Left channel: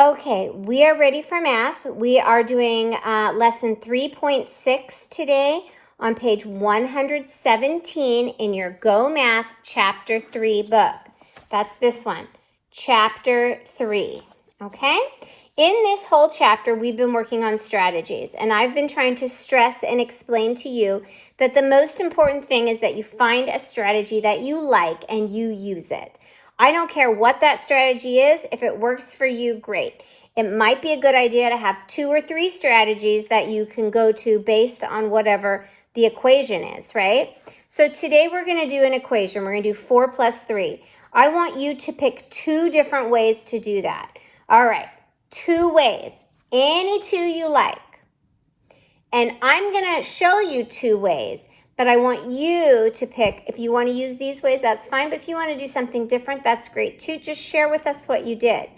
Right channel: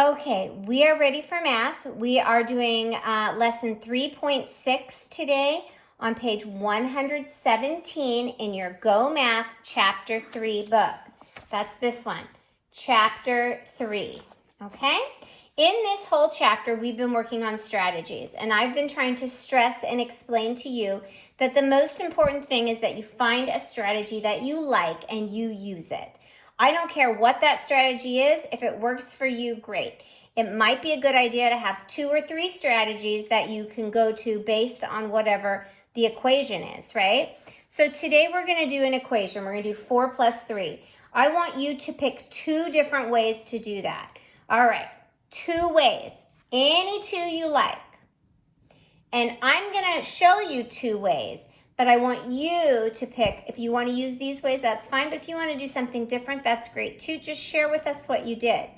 Okay, we are ready for math. We are doing lesson 3.6 today on page 117 in your Go Math Chapter 3 book. That's this one, Chapter 3, okay? In this whole chapter, we've been working on strategies, and I've been trying to stress and explain to you that the most important thing is that you find a strategy that you like and you use it. I don't care what that strategy is. If it works for you, great. It might be a good idea to have 2 or 3 strategies that you can go to based on whatever the equation is, right? So today we're going to do an equation. We're going to do 4 plus 3. I want you to pick 2 different ways to do that. All right, 2 ways, any 2 you like. And I'm going to show you 2 ways. But I want you to pick, if you want to use these ways, that's fine. But if you want to do something different, that's great too. Just share with us what you did.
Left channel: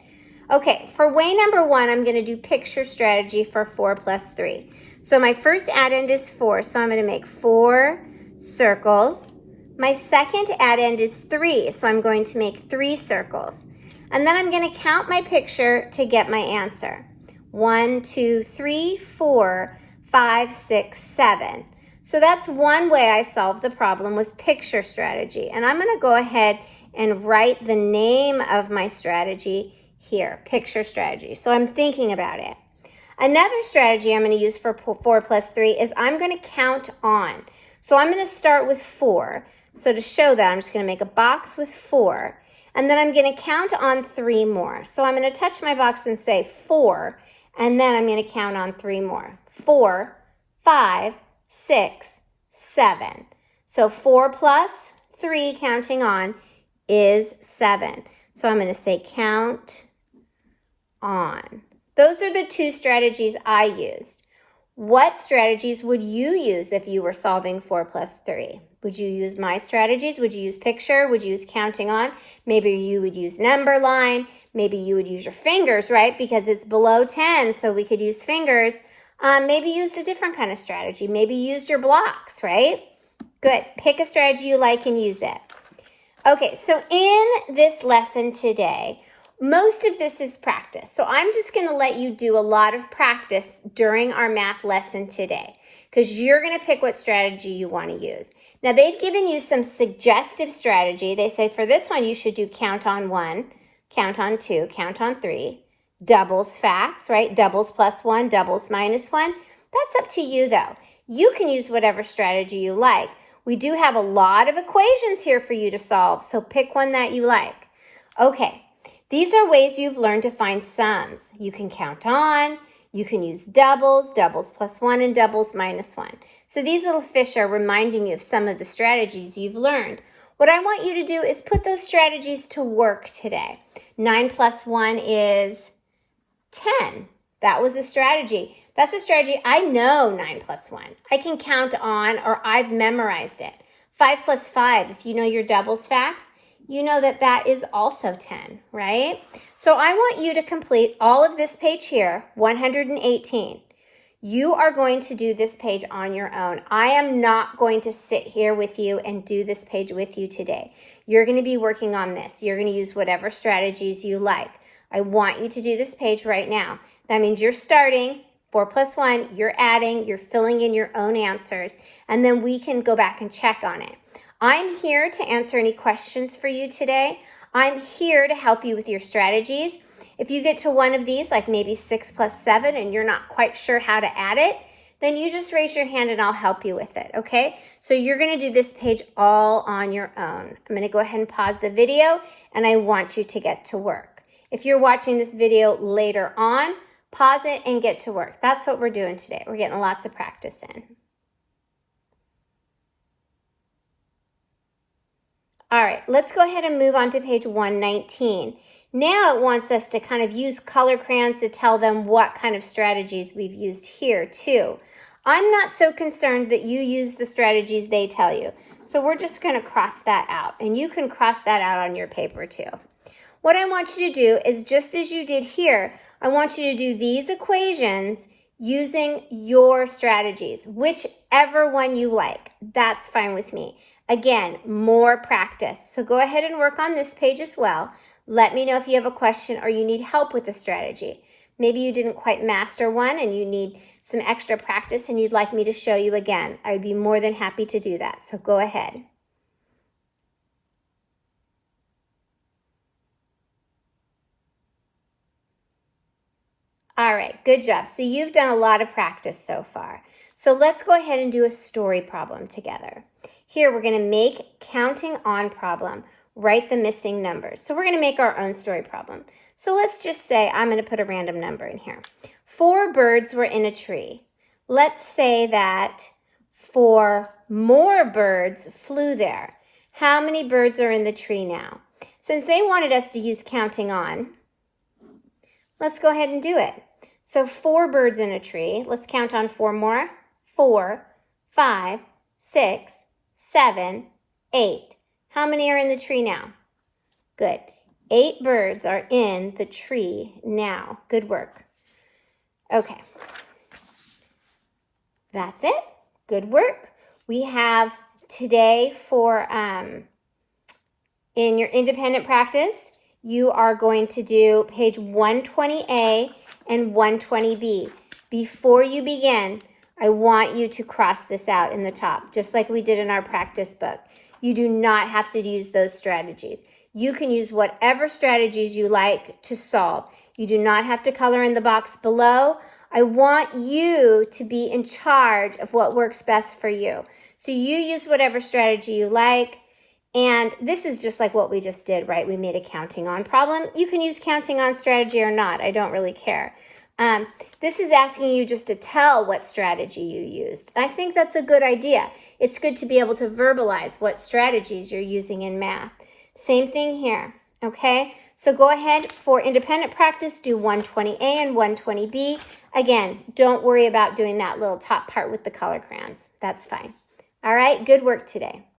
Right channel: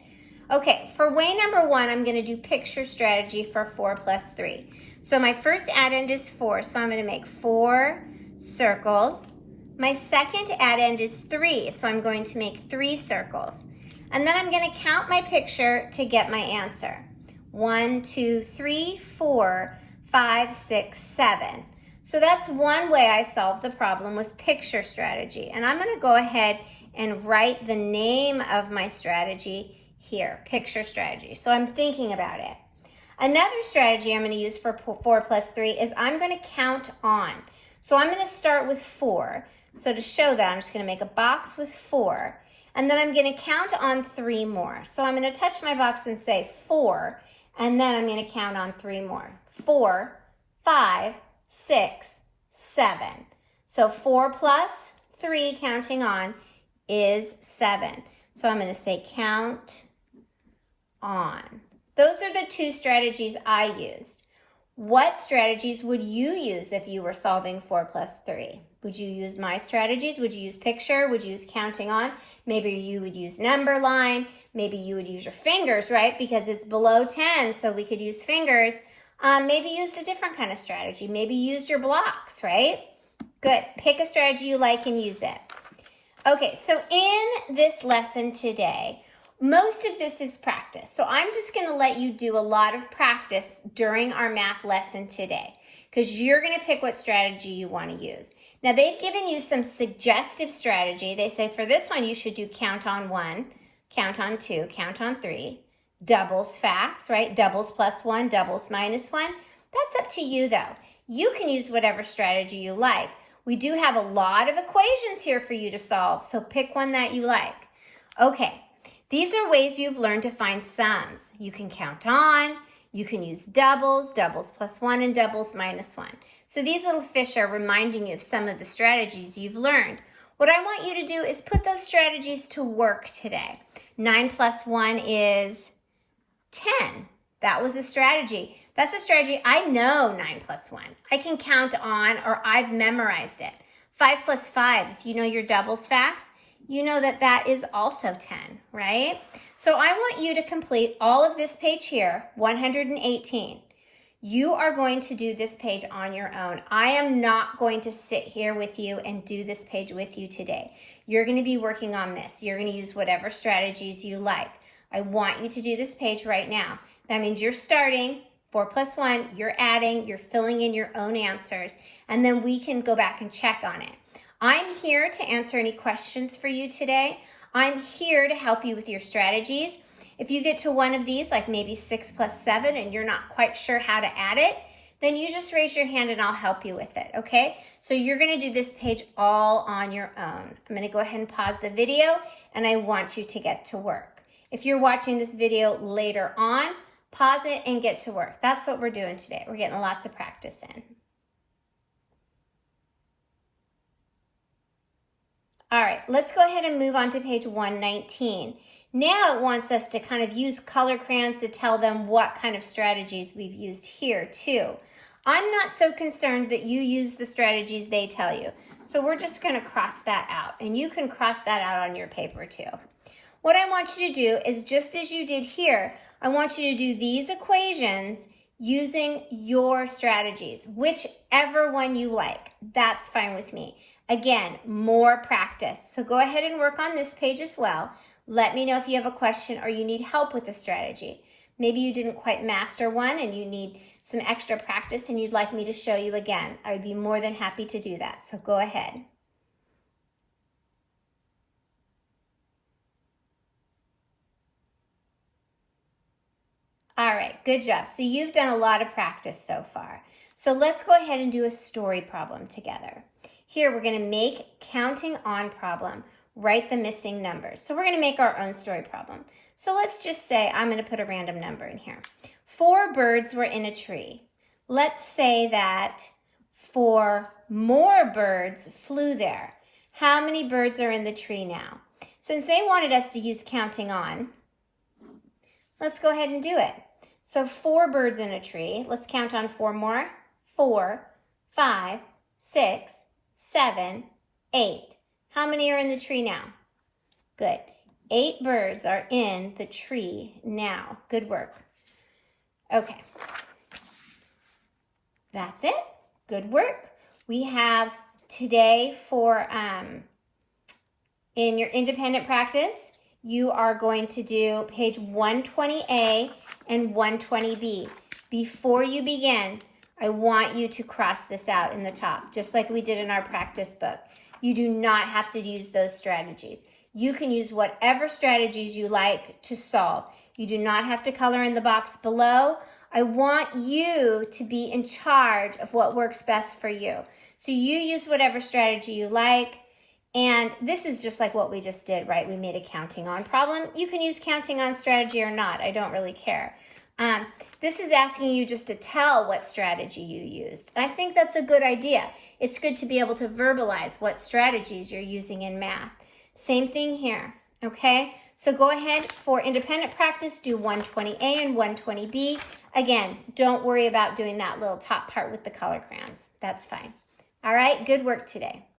Okay, for way number 1, I'm going to do picture strategy for 4 plus 3. So my first addend is 4, so I'm going to make 4 circles. My second addend is 3, so I'm going to make 3 circles. And then I'm going to count my picture to get my answer. 1, 2, 3, 4, 5, 6, 7. So that's one way I solved the problem, was picture strategy. And I'm going to go ahead and write the name of my strategy here, picture strategy. So I'm thinking about it. Another strategy I'm going to use for 4 plus 3 is I'm going to count on. So I'm going to start with 4. So to show that, I'm just going to make a box with 4. And then I'm going to count on 3 more. So I'm going to touch my box and say 4. And then I'm going to count on 3 more. 4, 5, 6, 7. So 4 plus 3, counting on, is 7. So I'm going to say count on. Those are the 2 strategies I used. What strategies would you use if you were solving 4 plus 3? Would you use my strategies? Would you use picture? Would you use counting on? Maybe you would use number line. Maybe you would use your fingers, right? Because it's below 10, so we could use fingers. Maybe use a different kind of strategy. Maybe use your blocks, right? Good. Pick a strategy you like and use it. Okay, so in this lesson today, most of this is practice. So I'm just going to let you do a lot of practice during our math lesson today, because you're going to pick what strategy you want to use. Now, they've given you some suggestive strategy. They say for this one, you should do count on 1, count on 2, count on 3. Doubles facts, right? Doubles plus 1, doubles minus 1. That's up to you, though. You can use whatever strategy you like. We do have a lot of equations here for you to solve, so pick one that you like. Okay, these are ways you've learned to find sums. You can count on, you can use doubles, doubles plus 1, and doubles minus 1. So these little fish are reminding you of some of the strategies you've learned. What I want you to do is put those strategies to work today. 9 plus 1 is 10. That was a strategy. That's a strategy. I know 9 plus 1. I can count on, or I've memorized it. 5 plus 5, if you know your doubles facts, you know that that is also 10, right? So I want you to complete all of this page here, 118. You are going to do this page on your own. I am not going to sit here with you and do this page with you today. You're going to be working on this. You're going to use whatever strategies you like. I want you to do this page right now. That means you're starting 4 plus 1, you're adding, you're filling in your own answers, and then we can go back and check on it. I'm here to answer any questions for you today. I'm here to help you with your strategies. If you get to one of these, like maybe 6 plus 7, and you're not quite sure how to add it, then you just raise your hand and I'll help you with it, okay? So you're going to do this page all on your own. I'm going to go ahead and pause the video, and I want you to get to work. If you're watching this video later on, pause it and get to work. That's what we're doing today. We're getting lots of practice in. All right, let's go ahead and move on to page 119. Now it wants us to kind of use color crayons to tell them what kind of strategies we've used here too. I'm not so concerned that you use the strategies they tell you. So we're just going to cross that out, and you can cross that out on your paper too. What I want you to do is, just as you did here, I want you to do these equations using your strategies, whichever one you like. That's fine with me. Again, more practice. So go ahead and work on this page as well. Let me know if you have a question or you need help with the strategy. Maybe you didn't quite master one and you need some extra practice and you'd like me to show you again. I would be more than happy to do that, so go ahead. All right, good job. So you've done a lot of practice so far. So let's go ahead and do a story problem together. Here, we're going to make counting on problem. Write the missing numbers. So we're going to make our own story problem. So let's just say I'm going to put a random number in here. 4 birds were in a tree. Let's say that 4 more birds flew there. How many birds are in the tree now? Since they wanted us to use counting on, let's go ahead and do it. So 4 birds in a tree. Let's count on 4 more. 4, 5, 6, 7, 8. How many are in the tree now? Good. 8 birds are in the tree now. Good work. Okay. That's it. Good work. We have today for, in your independent practice, you are going to do page 120A and 120B. Before you begin, I want you to cross this out in the top, just like we did in our practice book. You do not have to use those strategies. You can use whatever strategies you like to solve. You do not have to color in the box below. I want you to be in charge of what works best for you. So you use whatever strategy you like. And this is just like what we just did, right? We made a counting on problem. You can use counting on strategy or not. I don't really care. This is asking you just to tell what strategy you used. I think that's a good idea. It's good to be able to verbalize what strategies you're using in math. Same thing here, okay? So go ahead for independent practice, do 120A and 120B. Again, don't worry about doing that little top part with the color crayons. That's fine. All right, good work today.